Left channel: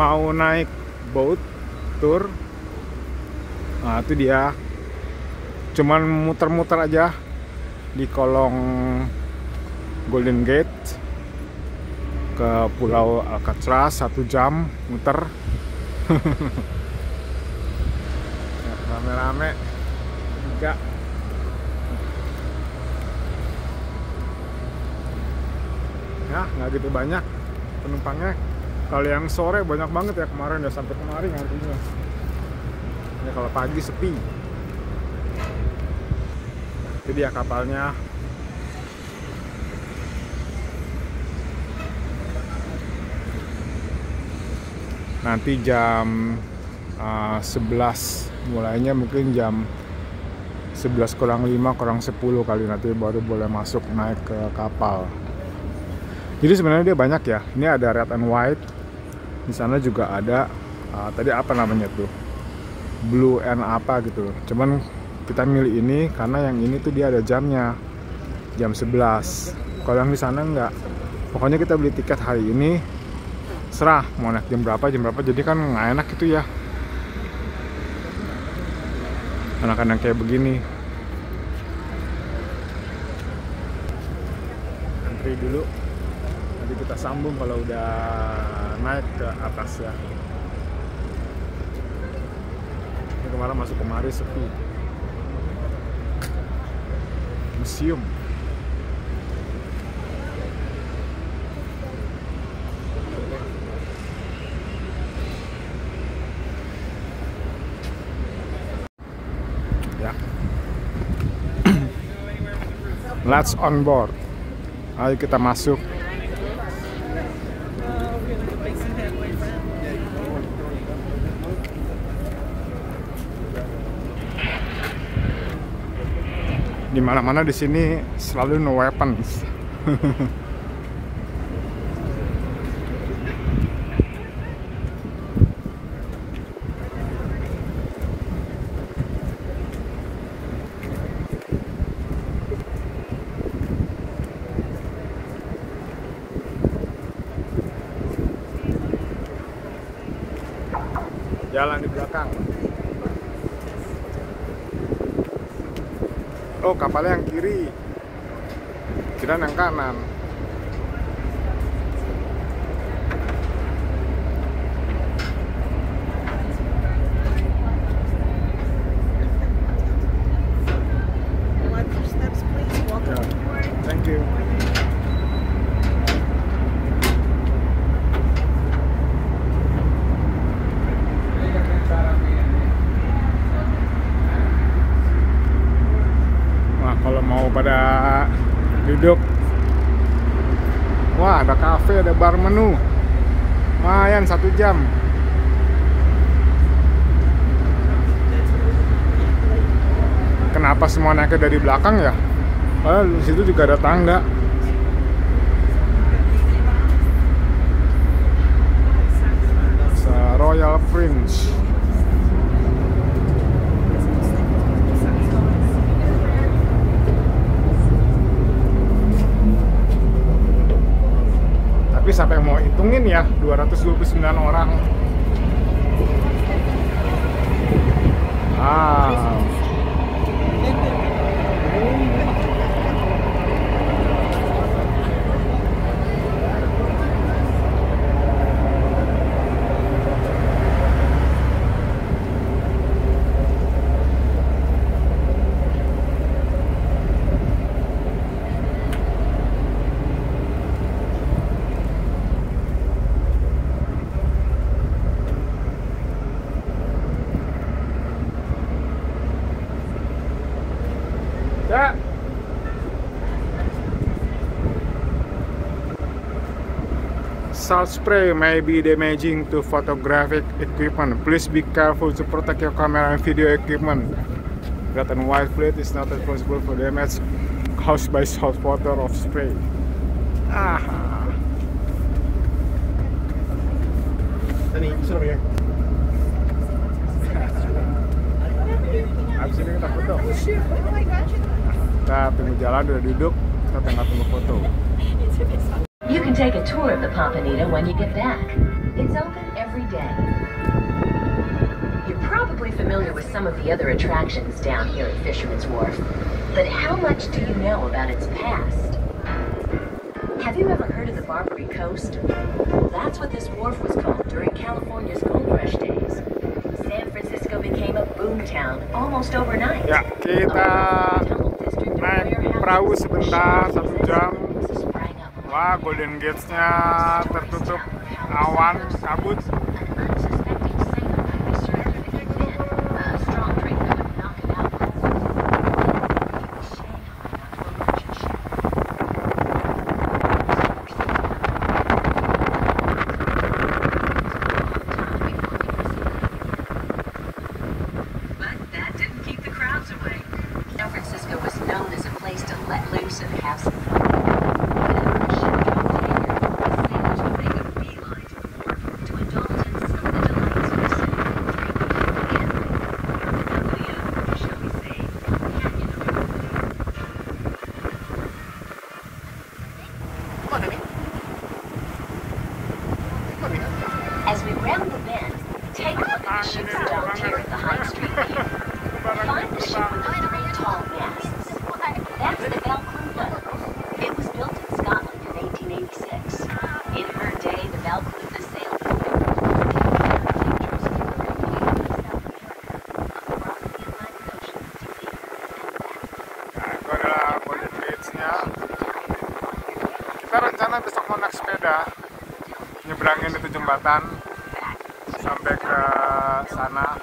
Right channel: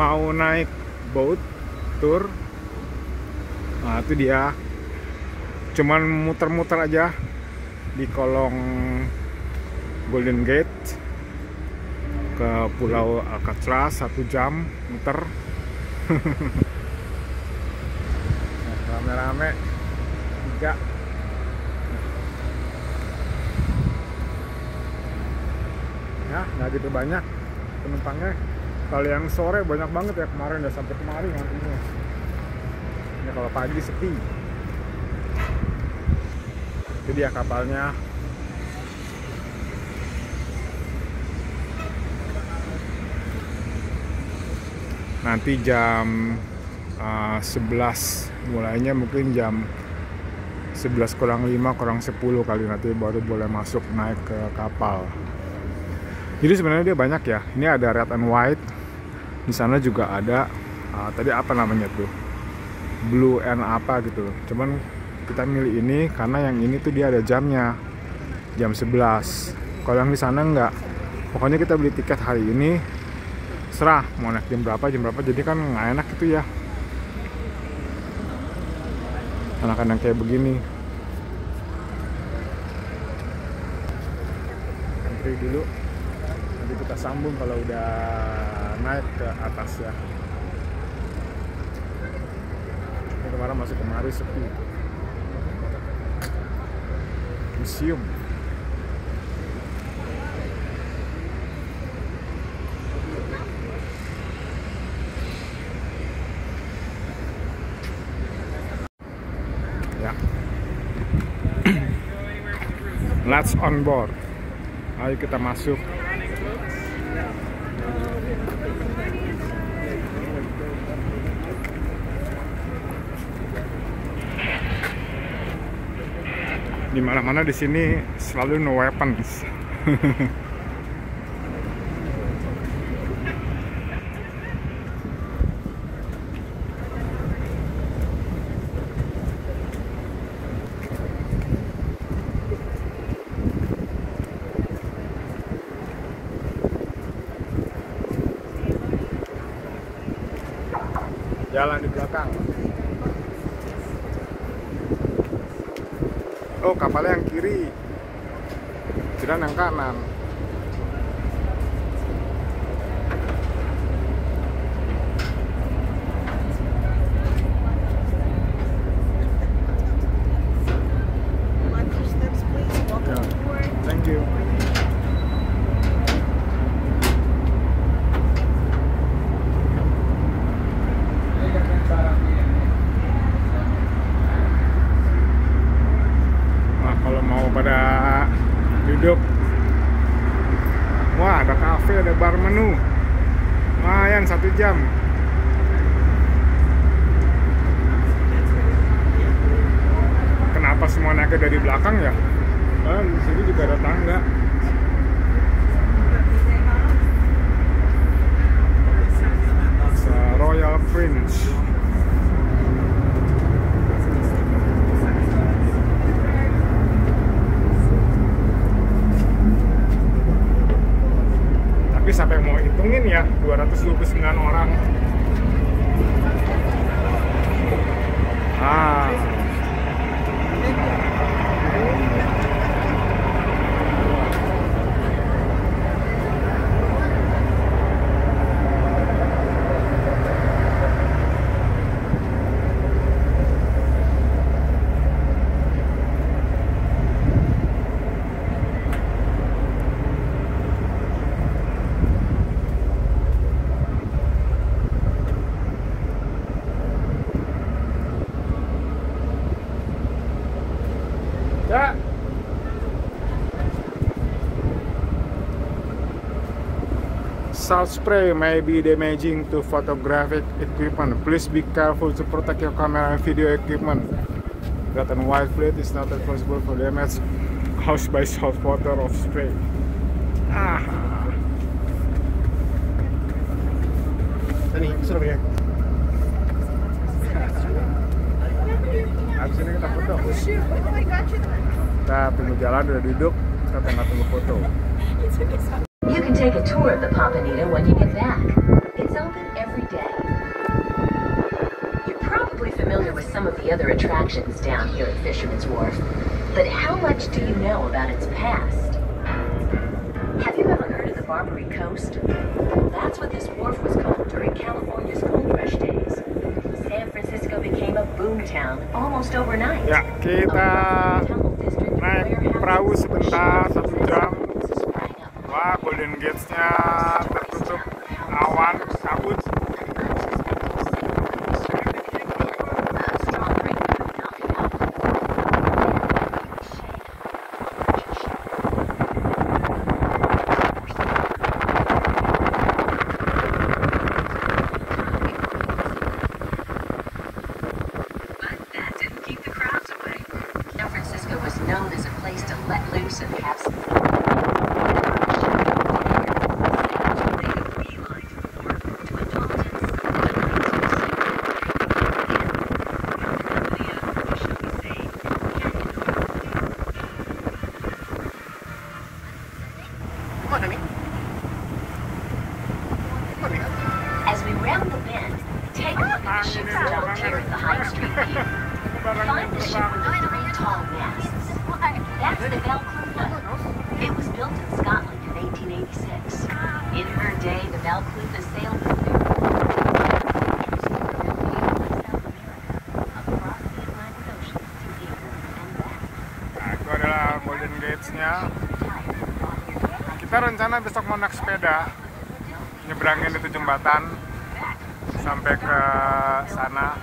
mau naik boat tour. Nah itu dia, cuman muter-muter aja di kolong Golden Gate ke Pulau Alcatraz, 1 jam muter. Nah, rame-rame 3. Ya nggak gitu banyak penumpangnya. Kalau yang sore banyak banget ya, kemarin udah sampai kemarin nantinya. Ya kalau pagi sepi. Itu dia kapalnya. Nanti jam 11 mulainya, mungkin jam 11 kurang 5 kurang 10 kali nanti baru boleh masuk naik ke kapal. Jadi sebenarnya dia banyak ya. Ini ada red and white. Di sana juga ada tadi apa namanya tuh, blue and apa gitu. Cuman kita milih ini karena yang ini tuh dia ada jamnya, jam 11. Kalau yang di sana enggak. Pokoknya kita beli tiket hari ini, serah mau naik jam berapa. Jadi kan nggak enak gitu ya, anak-anak kayak begini. Antri dulu, nanti kita sambung kalau udah naik ke atas ya. Ini kemarin masuk kemari sepi. Museum. Ya. Let's on board. Ayo kita masuk. Di mana-mana di sini selalu no weapons. Jalan di belakang. Oh, kapalnya yang kiri, kira yang kanan. Ya, thank you. Pada duduk, wah ada kafe, ada bar menu, lumayan 1 jam. Kenapa semua naiknya dari belakang ya? Di situ juga ada tangga. Royal Prince. Sampai mau hitungin ya, 229 orang. Ya. Salt spray may be damaging to photographic equipment. Please be careful to protect your camera and video equipment. Red and white fluid is not responsible for damage caused by salt water or spray. Habis ini kita foto. Kita tunggu jalan, udah duduk, kita tengah tunggu foto. You can take a tour of the Pompanita when you get back. It's open every day. You're probably familiar with some of the other attractions down here at Fisherman's Wharf, but how much do you know about its past? Have you ever heard of the Barbary Coast? That's what this wharf was called during California's gold rush days. San Francisco became a boomtown almost overnight. Ya, kita naik perahu sebentar, 1 jam. Wah, Golden Gates-nya tertutup awan kabut. Known as a place to let loose and have some fun. As we round the bend, take a look at the ships docked here at the High Street Pier. Behind the ship are 3 tall masts. That's the Valcluva. It was built in Scotland in 1886. In her day, the Valcluva sailed the Nah, itu adalah Golden Gates-nya. Kita rencana besok mau naik sepeda, nyebrangin itu jembatan sampai ke sana.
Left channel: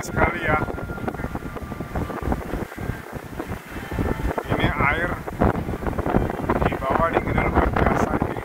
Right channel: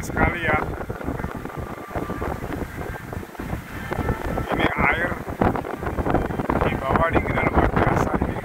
Sekali ya, ini air di bawah dinginnya luar biasa ini.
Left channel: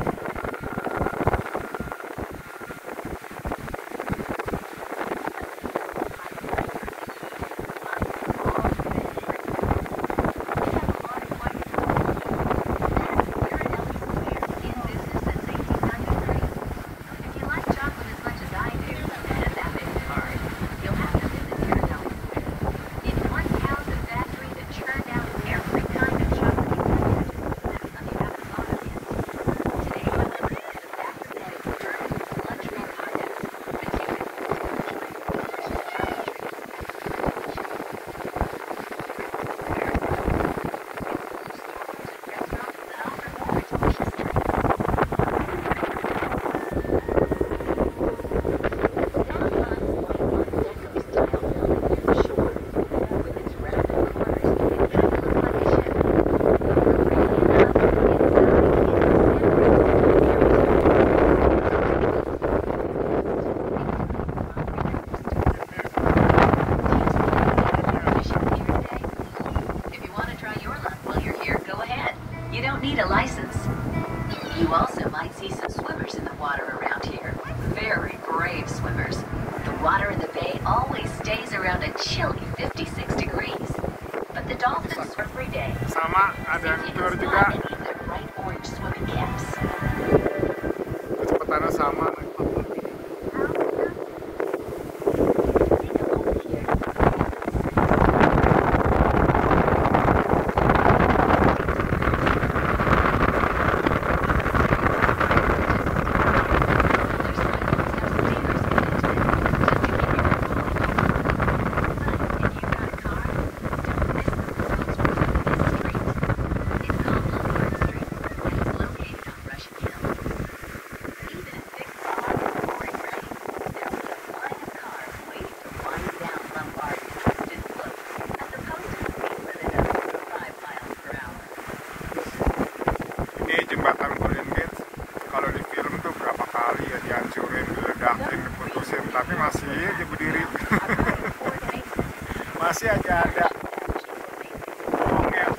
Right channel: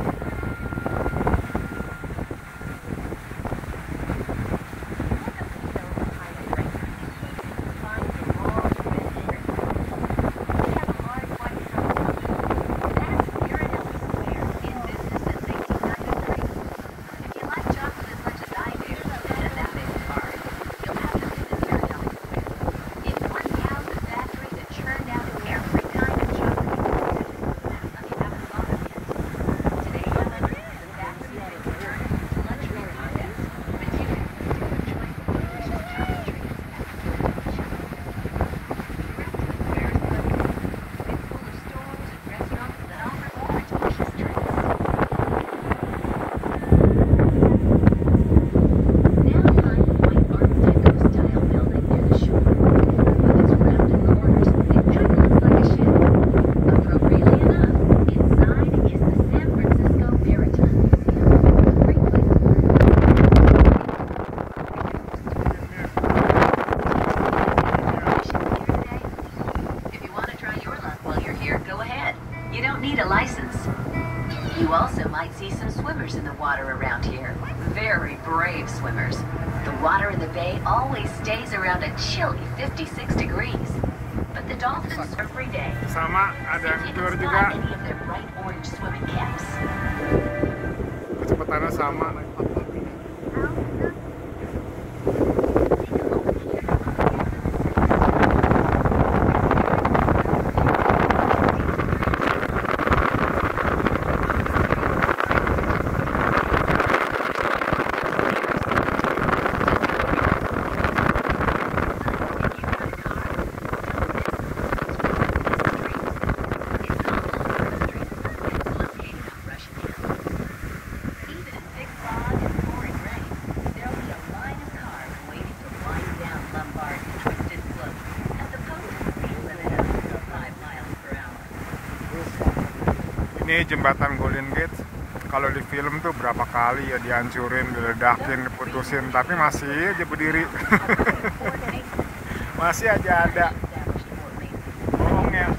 Need a license. You also might see some swimmers in the water around here. Very brave swimmers. The water in the bay always stays around a chilly 56 degrees. But the dolphins are free day. Sama, ada yang keluar juga. Bright orange swimming caps. Kecepatannya sama. Ini jembatan Golden Gate, kalau di film tuh berapa kali ya dihancurin, diledakin, diputusin, tapi masih aja berdiri. Masih aja ada bohongnya.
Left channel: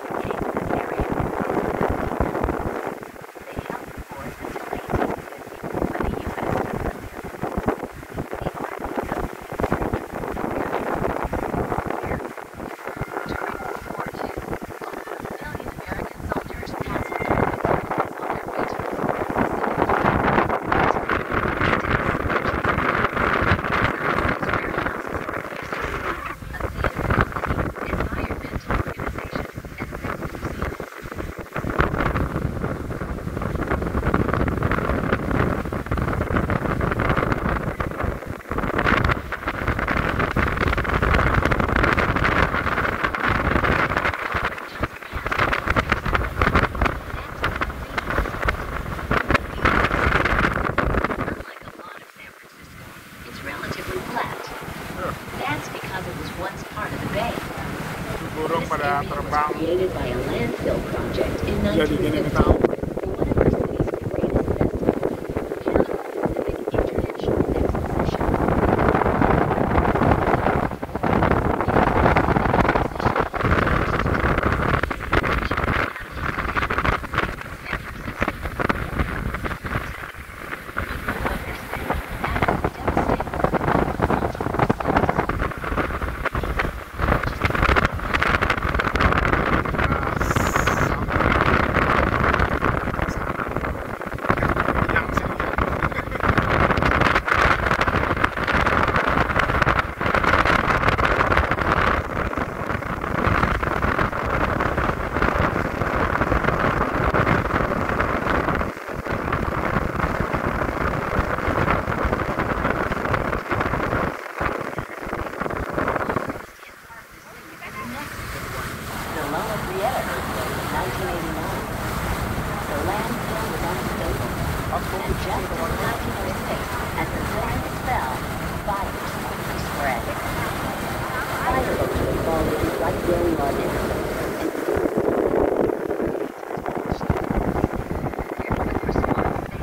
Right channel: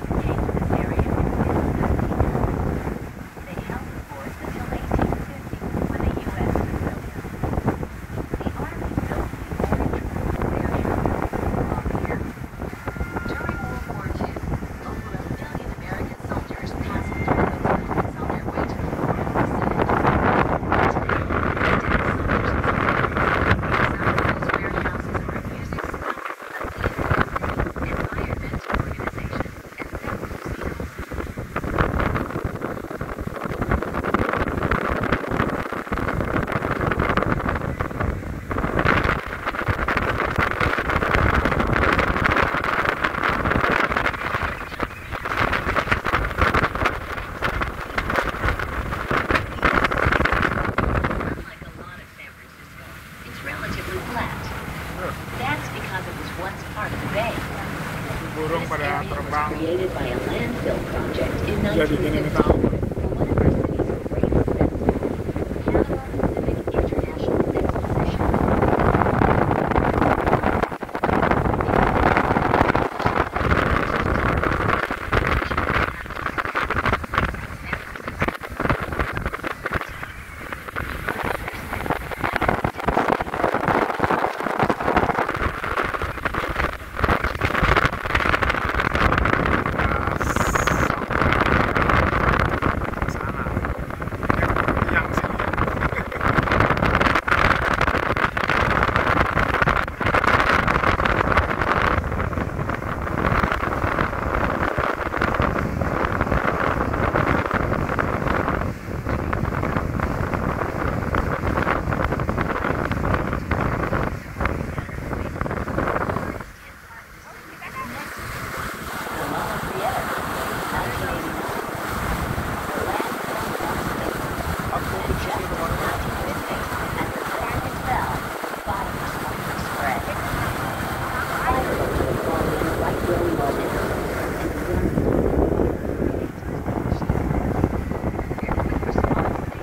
burung pada terbang. Created by a landfill project in Jadi gini kita 1950.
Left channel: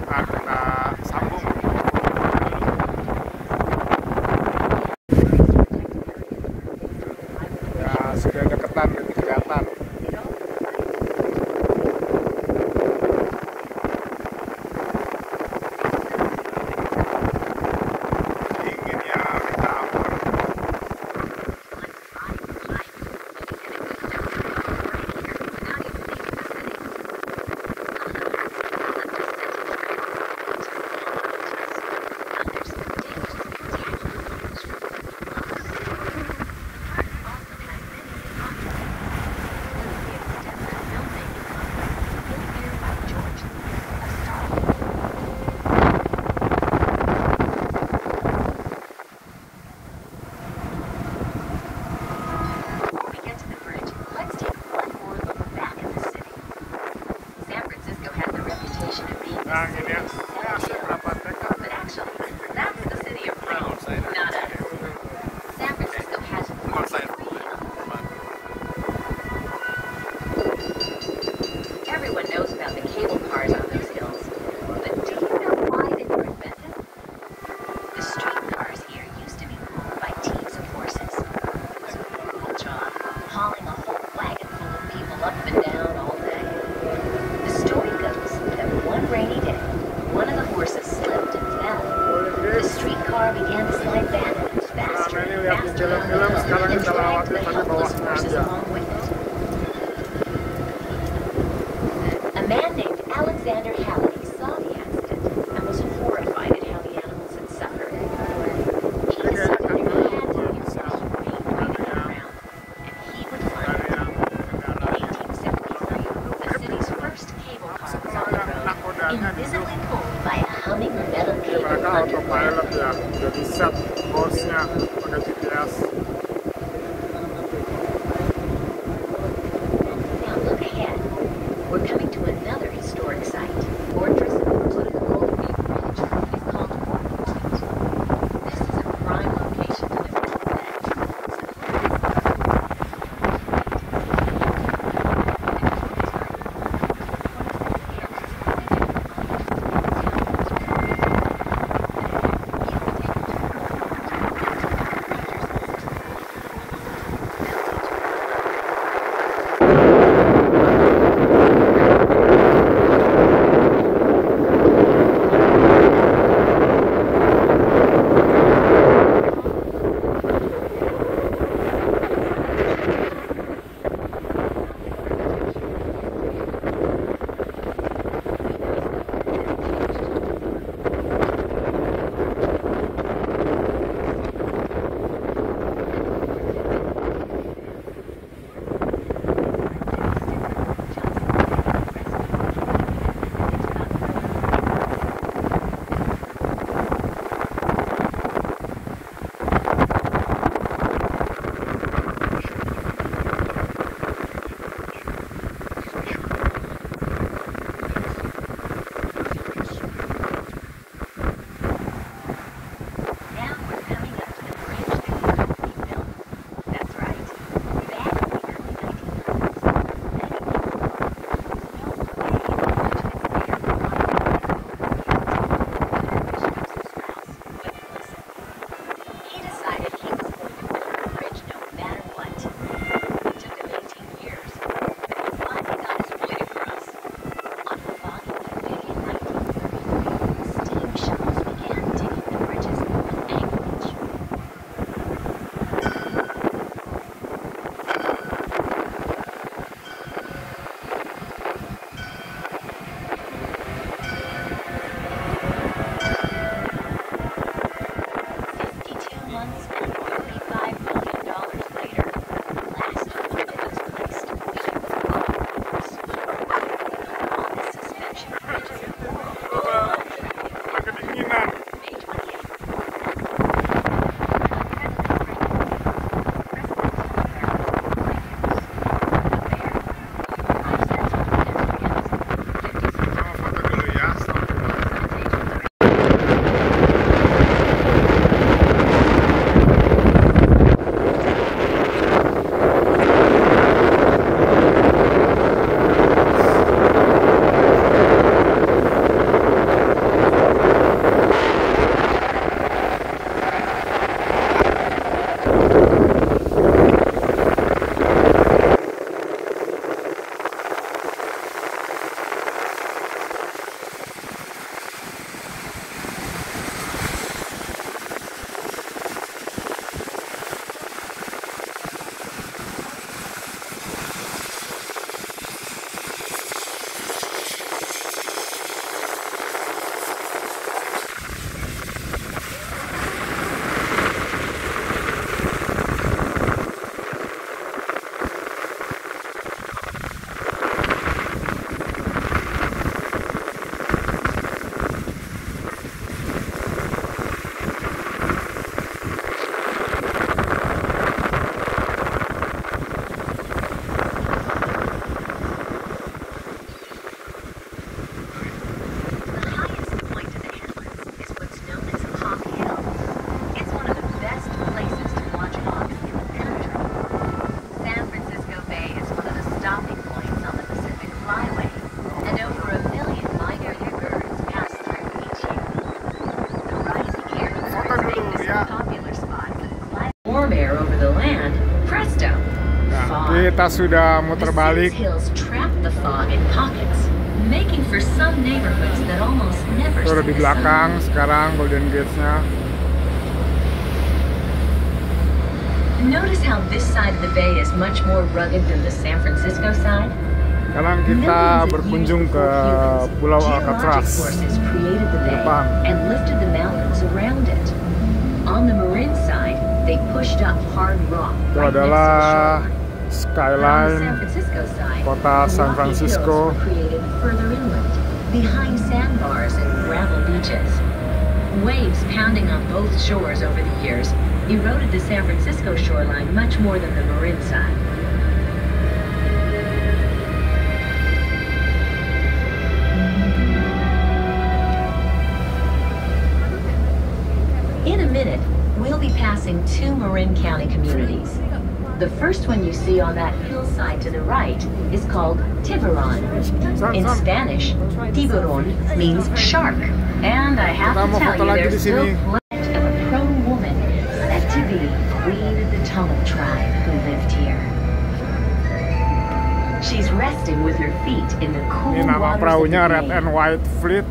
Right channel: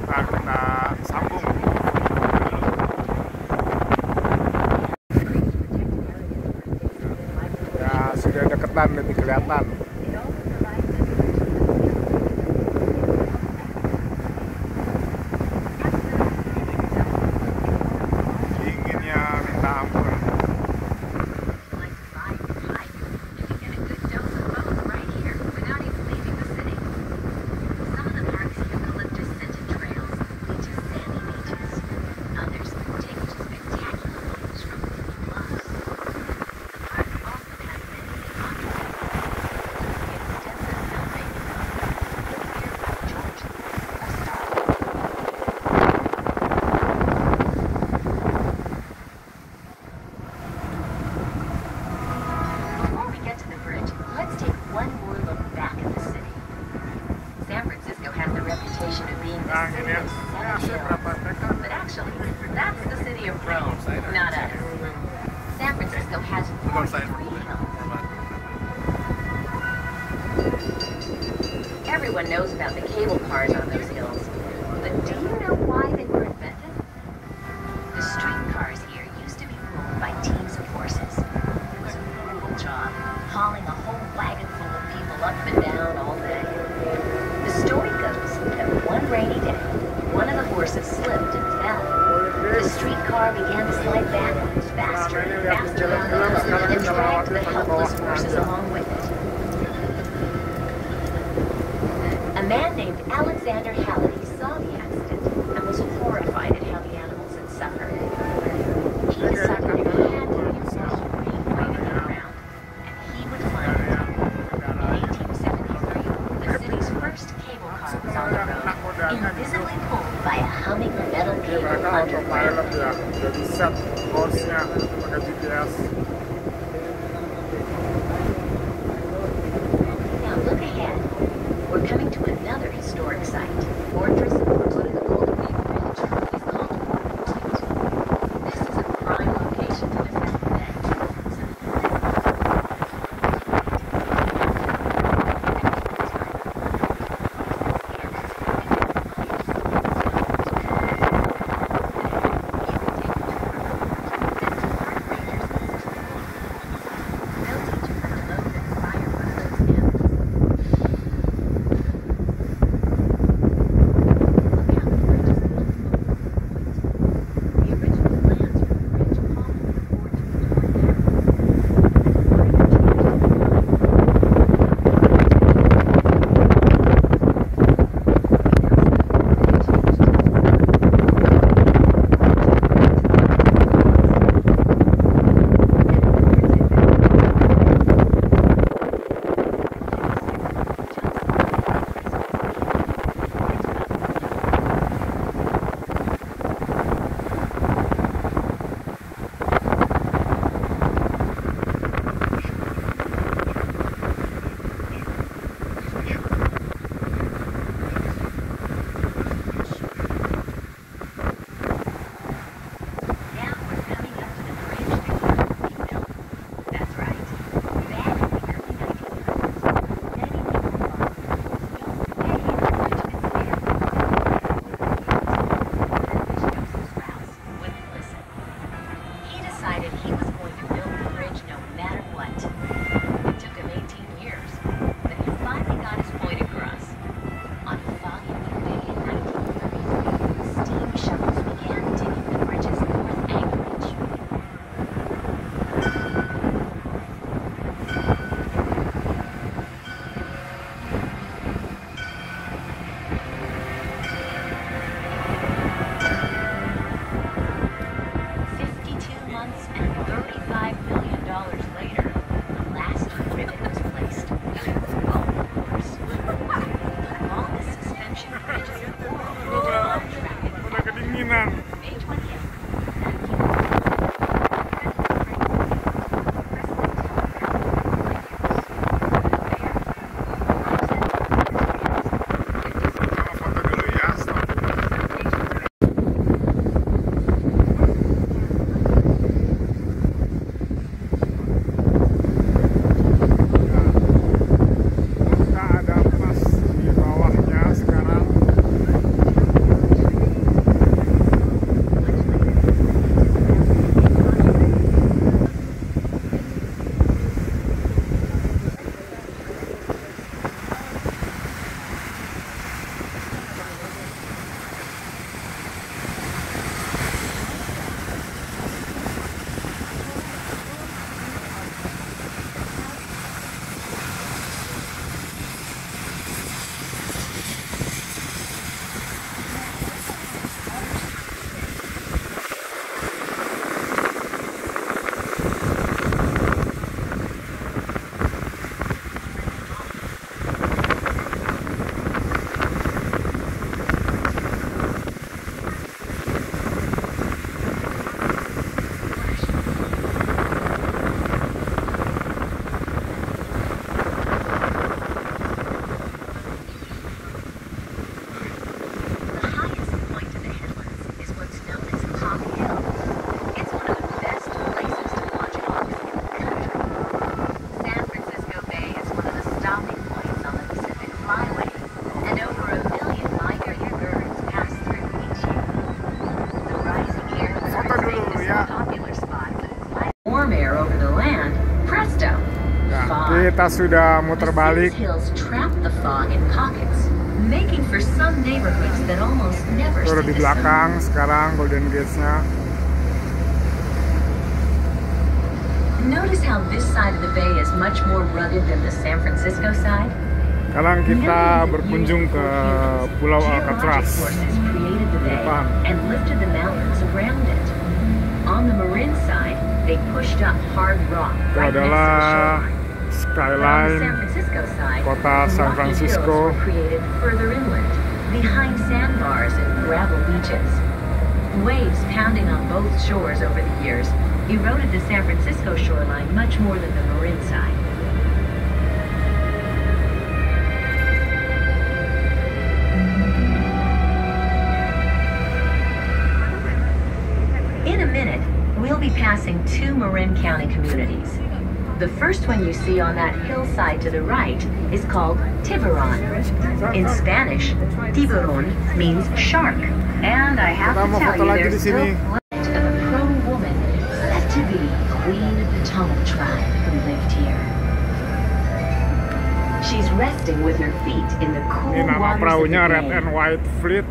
Ntar kita sambung. Ya sudah deketan, lebih kelihatan. Dinginnya minta ampun. Before we get to the bridge, let's take one more look back at the city. San Francisco has the reputation of being the Nah city gini ya, of ya saya berapa dekade. but actually, that's the city of Rome, not others. San Francisco has everyone knows about the cable cars on those hills, but do you know why they were invented? The streetcars here used to be pulled by teams of horses. It was a brutal job, hauling a whole wagon full of people up and down all day. The story goes that one rainy day, one of the horses slipped and fell. The streetcar began to slide backwards faster and faster down the hill and dragged the helpless horses along with it. A man named Alexander Halliday saw the accident and was horrified at how the animals had suffered. He decided to hand over his name and he would find them. In 1873, the city's first cable car was on the road, invisibly pulled by a humming metal Jadi mereka cable under autopilot ya, jadi set course-nya pakai GPS. Now look ahead. We're coming to another historic site. Fortress including the Golden Gate Bridge is called Golden Gate. This is a prime location to Kita sudah muter balik. Turun di belakang sekarang Golden Gate-nya. Notice how this side of the bay is much more rugged than the San Francisco side. Sekarang kita berkunjung ke Pulau Alcatraz di depan. And lifted the mountains around it. On the Marin side, they pushed up hard rock. Itu adalah skyline kota San Francisco. Created further inland, behind sandbars and gravel beaches. Waves pounding on both shores over the years eroded the San Francisco shoreline much more than the Marin side. In a minute, we'll be passing two Marin County communities. The first one you see on that hillside to the right is called Tiburon. In Spanish, tiburon means shark. And I have to tell you, there's still plenty of a Crow woman said to be queen of the Tamil tribe who lived here. She's resting with her feet in the cool Ini nama perahunya Red and White Fleet.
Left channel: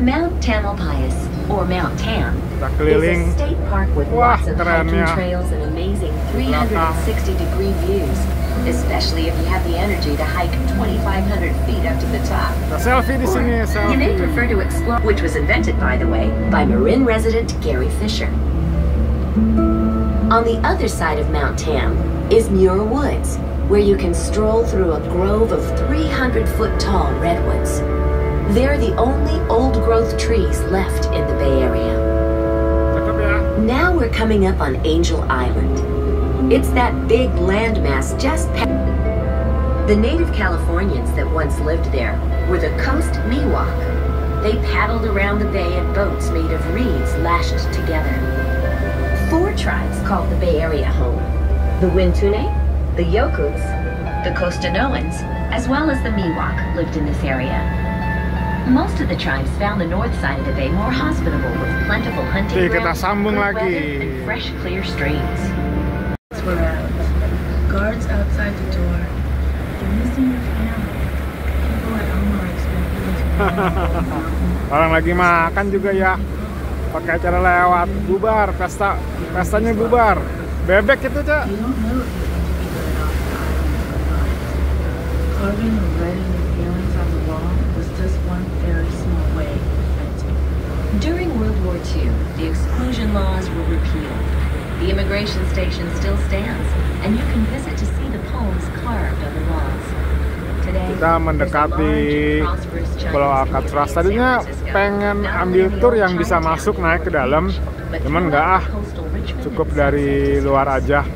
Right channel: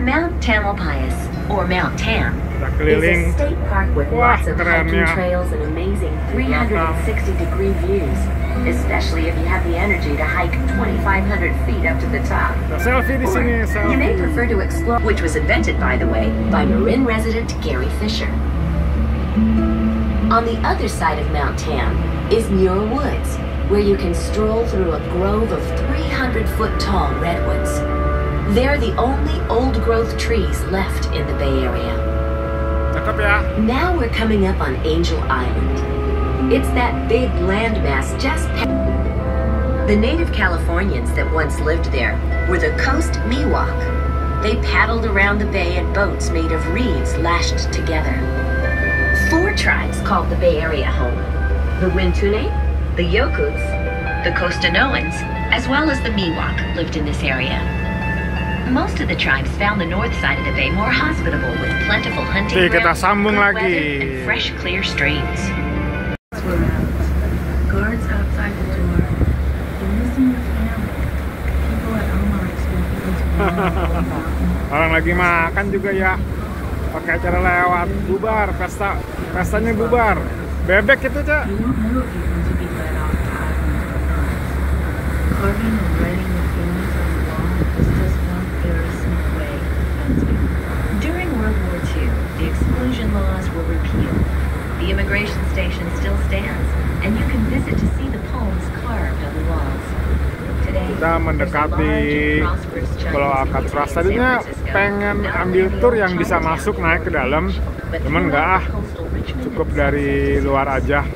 Mount Tamalpais, or Mount Tam, Kita is keliling. a state park with Wah, lots of hiking kerennya. trails and amazing 360-degree views, especially if you have the energy to hike 2,500 feet up to the top. Kita selfie di sini, You may selfie. prefer to explore, which was invented, by the way, by Marin resident Gary Fisher. On the other side of Mount Tam is Muir Woods, where you can stroll through a grove of 300-foot-tall redwoods. They're the only old-growth trees left in the Bay Area. Cakep ya. Now we're coming up on Angel Island. It's that big landmass just past. The native Californians that once lived there were the Coast Miwok. They paddled around the bay in boats made of reeds lashed together. 4 tribes called the Bay Area home: the Wintune, the Yokuts, the Costanoans, as well as the Miwok lived in this area. Most of the tribes found the north side of the bay more hospitable with plentiful hunting Oke, kita grounds, sambung good lagi. weather, and fresh, clear streams. We're out. Guards outside the door. Orang lagi makan juga ya. Pakai acara lewat, bubar, pestanya bubar. Bebek itu, Cak. You don't know if you're going to be hurt. Carving or writing your feelings on the wall was just one very small way of venting. During World War II, the exclusion laws were repealed. The immigration station still stands, and you can visit to see the poems carved on the walls. Today, Kita mendekati Pulau Alcatraz. Tadinya pengen ambil tour yang bisa masuk naik ke dalam, cuman nggak ah, cukup dari luar aja.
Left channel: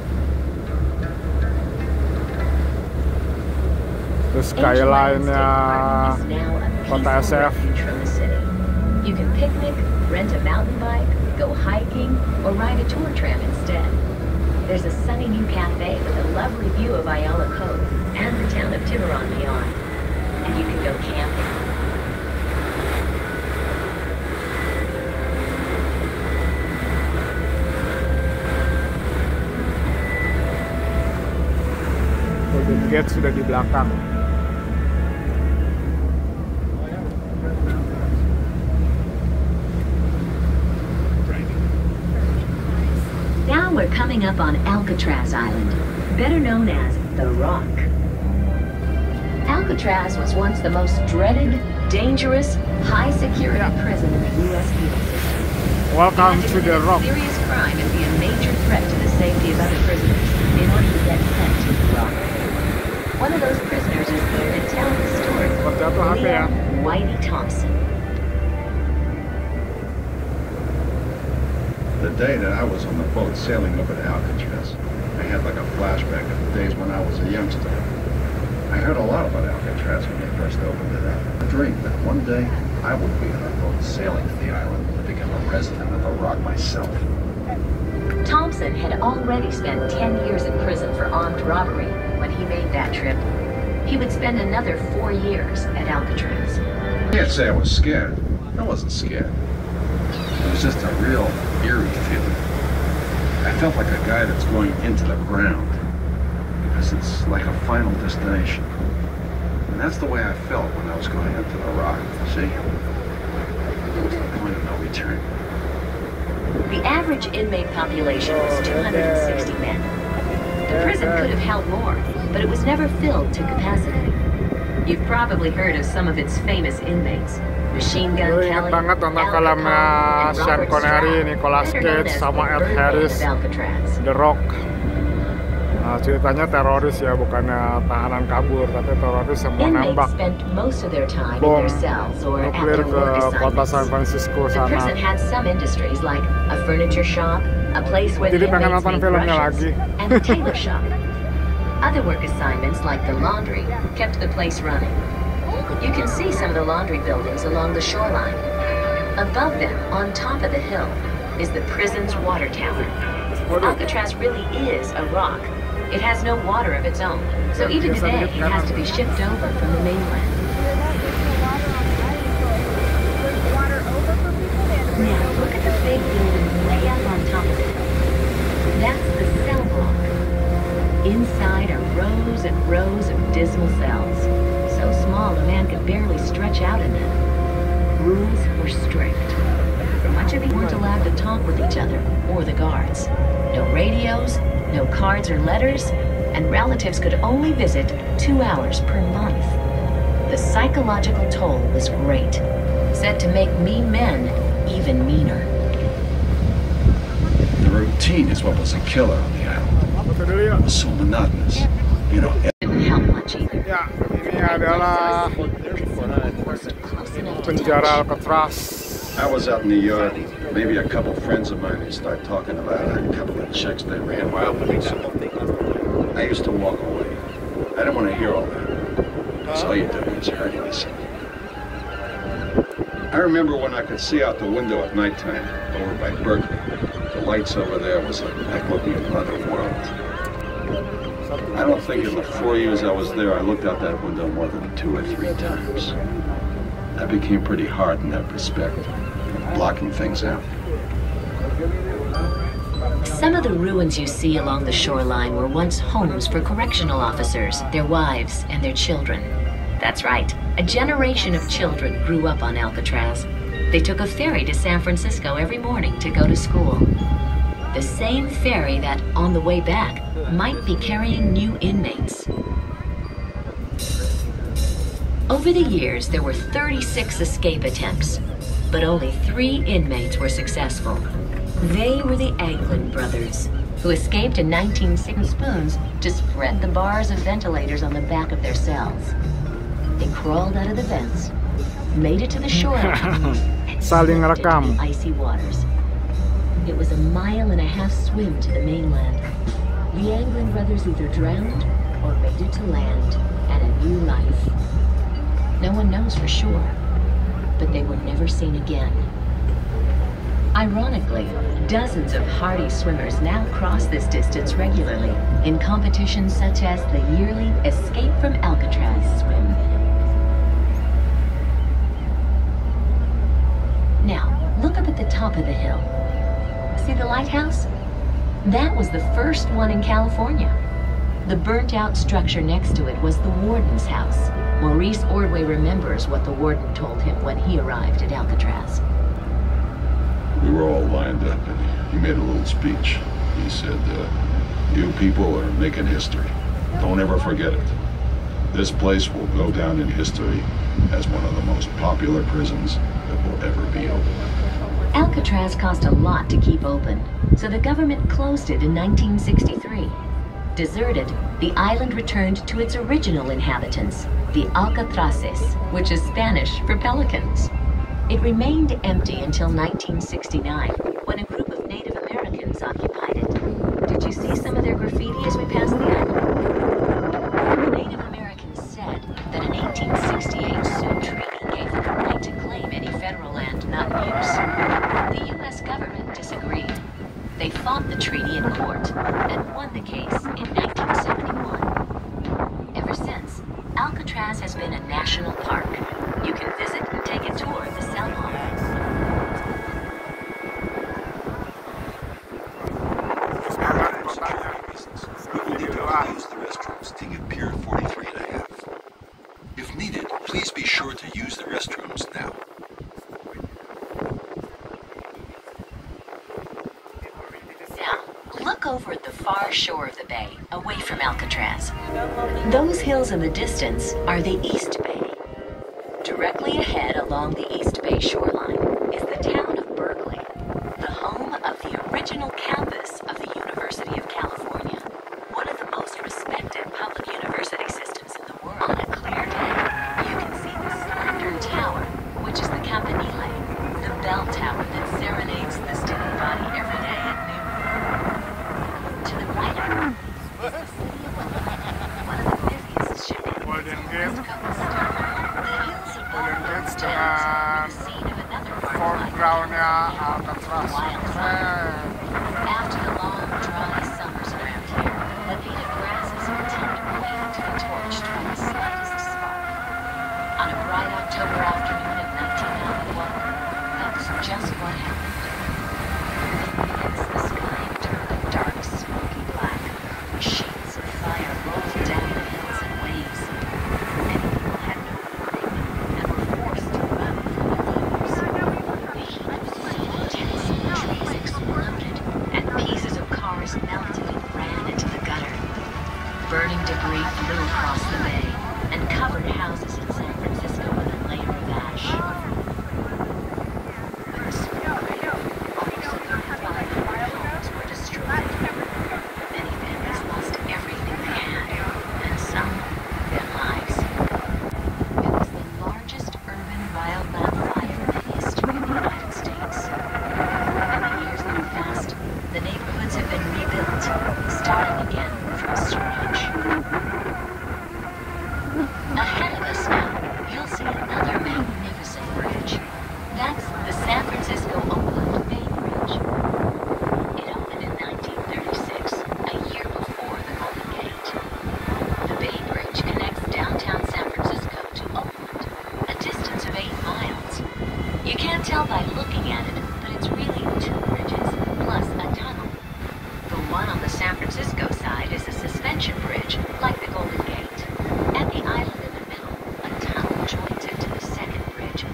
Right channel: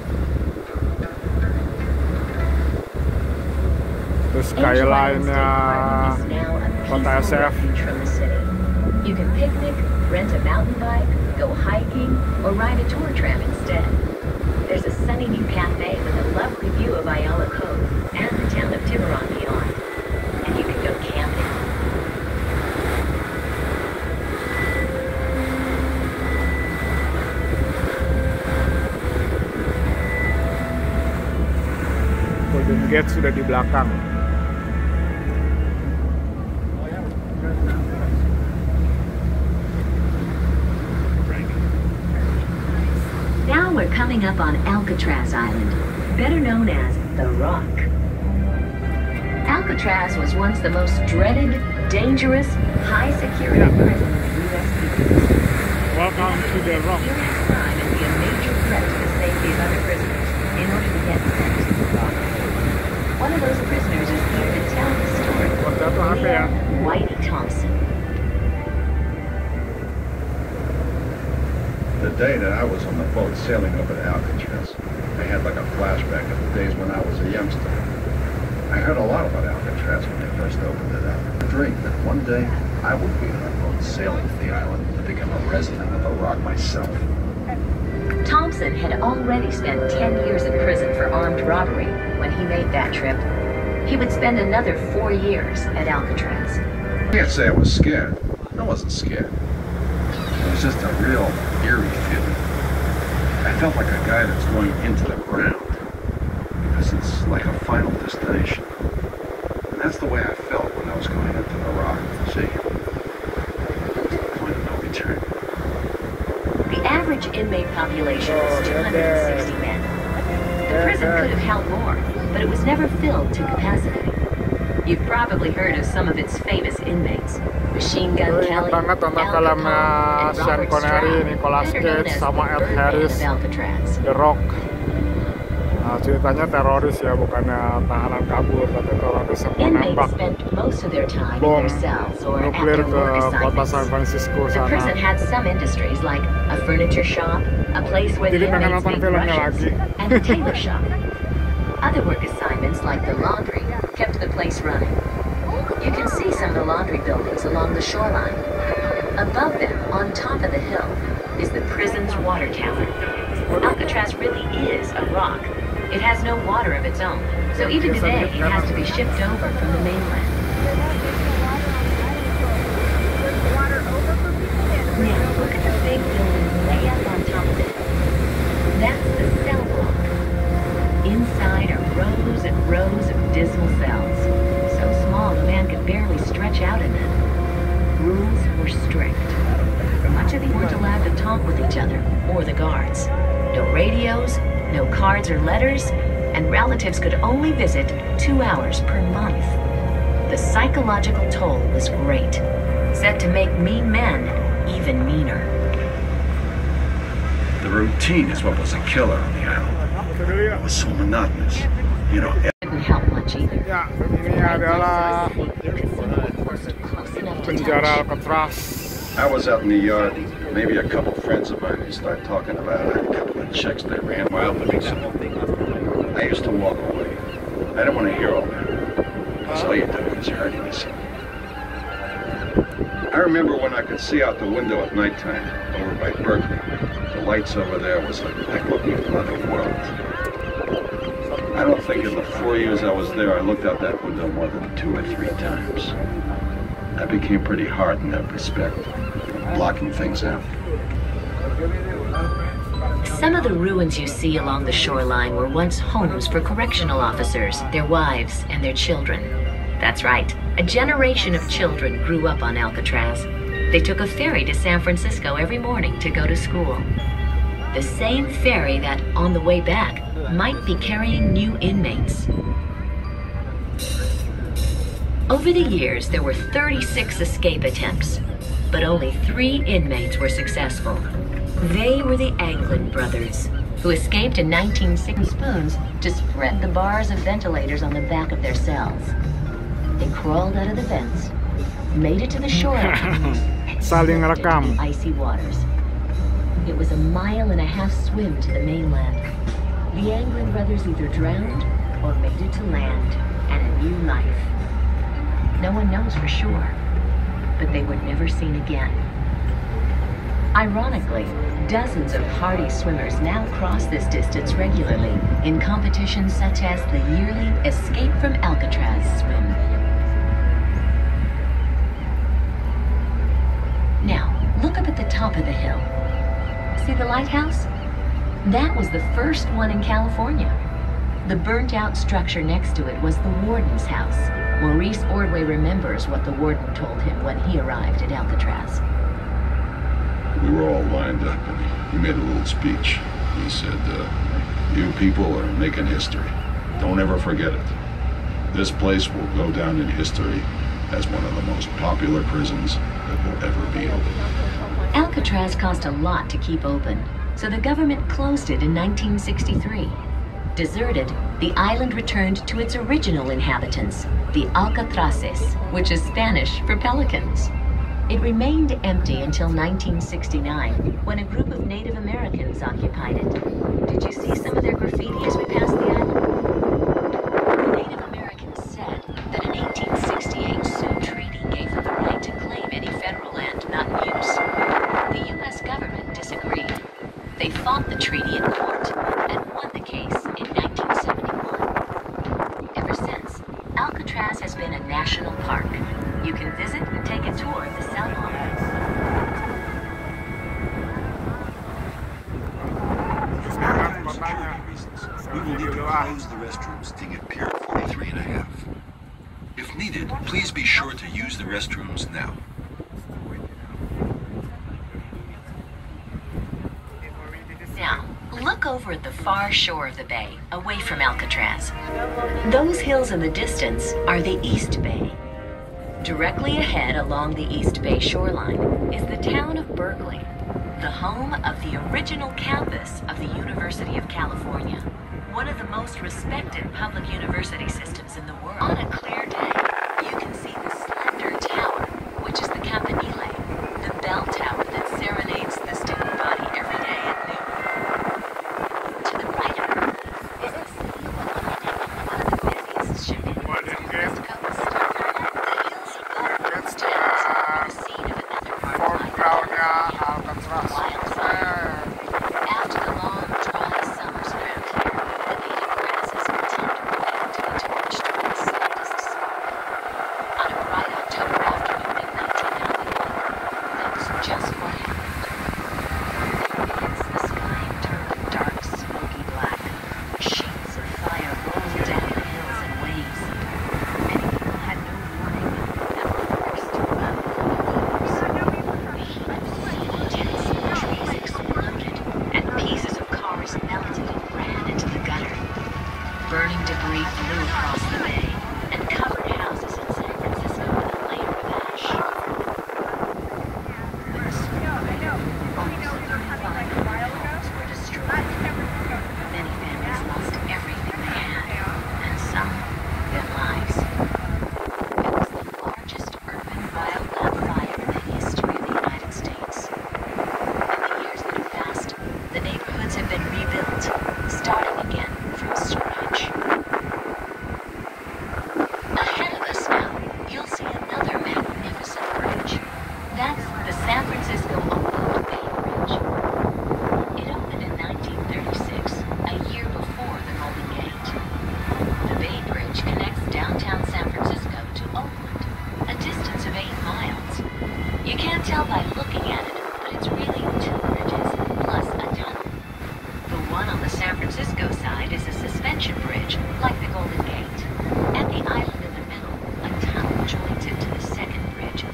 Terus skyline-nya kota SF. You can picnic, rent a mountain bike, go hiking, or ride a tour tram instead. There's a sunny new cafe with a lovely view of Ayala Cove and the town of Tiburon beyond. And you can go camping. Golden Gate sudah di belakang. Now we're coming up on Alcatraz Island, better known as The Rock. Alcatraz was once the most dreaded, dangerous, high-security prison in the U.S. penal system. Welcome to the Rock. Serious crime and be a major threat to the safety of other prisoners in order to get sent to The Rock. One of those prisoners is here to tell the story. Jatuh HP ya. Whitey Thompson. The day that I was on the boat sailing over to Alcatraz, I had like a flashback of the days when I was a youngster. I heard a lot about Alcatraz when they first opened it up. I dreamed that one day I would be on a boat sailing to the island and become a resident of the Rock myself. Thompson had already spent 10 years in prison for armed robbery when he made that trip. He would spend another 4 years at Alcatraz. I can't say I was scared. I wasn't scared. It was just a real eerie feeling. I felt like a guy that's going into the ground. because it's like a final destination. And that's the way I felt when I was going into the rock. See? Point of no return. The average inmate population was 260 men. The prison could have held more, but it was never filled to capacity. You've probably heard of some of its famous inmates. Machine Gun Gue Kelly, inget banget nonton filmnya Sean Connery, Nicolas Cage, sama Ed Harris, The Rock. Nah, ceritanya teroris ya, bukannya tahanan kabur, tapi teroris yang mau nembak bom nuklir ke kota San Francisco sana. Jadi pengen nonton filmnya lagi. Other work assignments, like the laundry, kept the place running. You can see some of the laundry buildings along the shoreline. Above them, on top of the hill, is the prison's water tower. Alcatraz really is a rock. It has no water of its own, so even today it has to be shipped over from the mainland. Now look at the big buildings way up on top of it. That's the cell block. Inside are rows and rows of dismal cells, so small a man could barely stretch out in them. Rules were strict. Much of you weren't allowed to talk with each other or the guards. No radios, no cards or letters, and relatives could only visit 2 hours per month. The psychological toll was great, said to make mean men even meaner. The routine is what was a killer on the island. It was so monotonous. You know, Didn't help much either. Ya, ini adalah penjara Alcatraz. I was out in the yard. Maybe a couple friends of mine would start talking about a couple of chicks that ran wild with me. I used to walk away. I didn't want to hear all that. Because all you did was hurt yourself. I remember when I could see out the window at nighttime over by Berkeley. The lights over there was like looking at another world. I don't think in the 4 years I was there, I looked out that window more than 2 or 3 times. I became pretty hard in that respect, blocking things out. Some of the ruins you see along the shoreline were once homes for correctional officers, their wives, and their children. That's right, a generation of children grew up on Alcatraz. They took a ferry to San Francisco every morning to go to school. The same ferry that, on the way back, might be carrying new inmates. Over the years, there were 36 escape attempts, but only 3 inmates were successful. They were the Anglin brothers, who escaped in 1960 spoons to spread the bars of ventilators on the back of their cells. They crawled out of the vents, made it to the shore, and Saling slipped into rekam. the icy waters. It was a 1.5-mile swim to the mainland. The Anglin brothers either drowned or made it to land and a new life. No one knows for sure, but they were never seen again. Ironically, dozens of hardy swimmers now cross this distance regularly in competitions such as the yearly Escape from Alcatraz swim. Now, look up at the top of the hill. See the lighthouse? That was the first one in California. The burnt-out structure next to it was the warden's house. Maurice Ordway remembers what the warden told him when he arrived at Alcatraz. We were all lined up, and he made a little speech. He said, you people are making history. Don't ever forget it. This place will go down in history as one of the most popular prisons that will ever be open. Alcatraz cost a lot to keep open, so the government closed it in 1963. Deserted, the island returned to its original inhabitants, the Alcatraces, which is Spanish for pelicans. It remained empty until 1969, when a group of Native Americans occupied it. Did you see some of their graffiti as we passed the island? The Native Americans said that an 1868 Sioux Treaty gave them the right to claim any federal land not in use. The U.S. government disagreed. They fought the treaty in court and won the case in 1971. Ever since, Alcatraz has been a national park. You can visit and take a tour of the South Island. Semangat kotanya. We will need to close the restaurant. posting at Pier 43.5. If needed, please be sure to use the restrooms now. Now, look over at the far shore of the bay, away from Alcatraz. Those hills in the distance are the East Bay. Directly ahead along the East Bay shoreline is the town of Berkeley, the home of the original campus of the University of California, one of the most respected public university systems in the world. On a clear day, you can see the slender tower, which is the Campanile, the bell tower that serenades the student body every day at noon. To the right of it is the busiest shipping Golden Gate. Golden Gate dengan foregroundnya Alcatraz. After the long, dry summers around here, the native grasses continue to bend towards the slightest sun. On a bright October afternoon in 1991, that's just what happened. The sky turned dark, smoky black. Sheets of fire rolled down the hills in waves. Many people had no warning and were forced to run from their homes. The heat was so intense, trees exploded, and pieces of cars melted and ran into the gutter. Burning debris flew across the bay and covered houses in San Francisco with a layer of ash. In the spring, almost 35,000 homes were destroyed. Many families lost everything they had, and some their lives. It was the largest urban wildland fire in the history of the United States. In the years that have passed, the neighborhoods have been rebuilt, starting again from scratch. Ahead of us now, you'll see another magnificent bridge. That's the San Francisco Oakland Bay Bridge. It opened in 1936, a year before the Golden Gate. The Bay Bridge connects downtown San Francisco to Oakland, a distance of 8 miles. You can't tell by looking at it, but it's really 2 bridges, plus a tunnel. The one on the San Francisco side is a suspension bridge, like the Golden Gate. At the island in the middle, a tunnel joins it to the second bridge.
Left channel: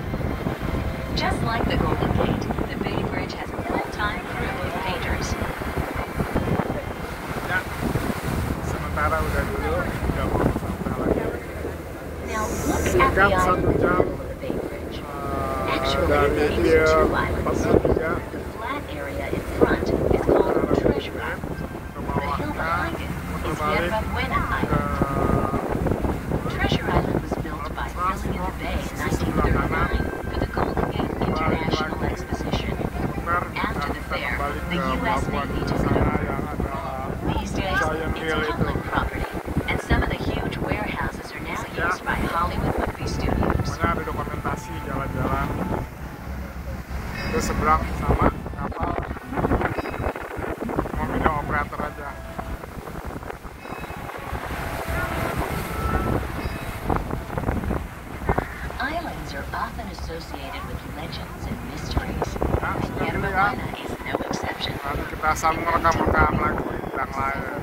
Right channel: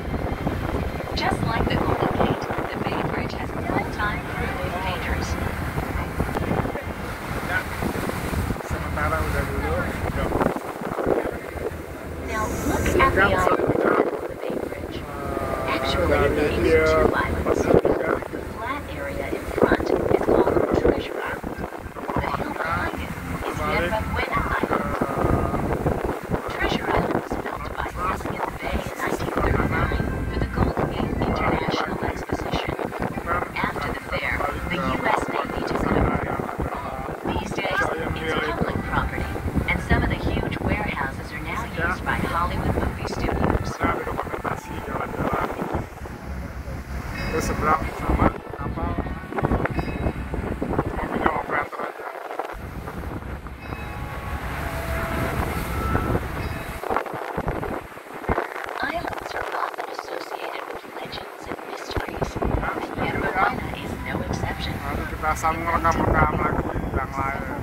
Just like the Golden Gate, the Bay Bridge has a full-time crew of painters. Ya, sementara udah dulu, udah mau Now look at the singkat island 1 jam of the Bay Bridge. dari Pier 43 Flat area in front is called Treasure Island. ke bawahnya muter balik ke Treasure Island was built by Cynthia Bay in 1939 for the Golden Gate International Exposition. muter After dan the kita fair, kembali the ke U.S. pelabuhan Navy di took sana it over. yang ada These days, Giant it's Hill itu. public property, and some of the huge warehouses are now used by Hollywood movie studios. Pokoknya ada dokumentasi jalan-jalan ke seberang sama kapal, cuma beda operator aja. Islands are often associated with legends and mysteries, Ya, sudah and dulu ya. Atlanta is no exception. Nanti kita sambung rekam-rekam lagi yang lain.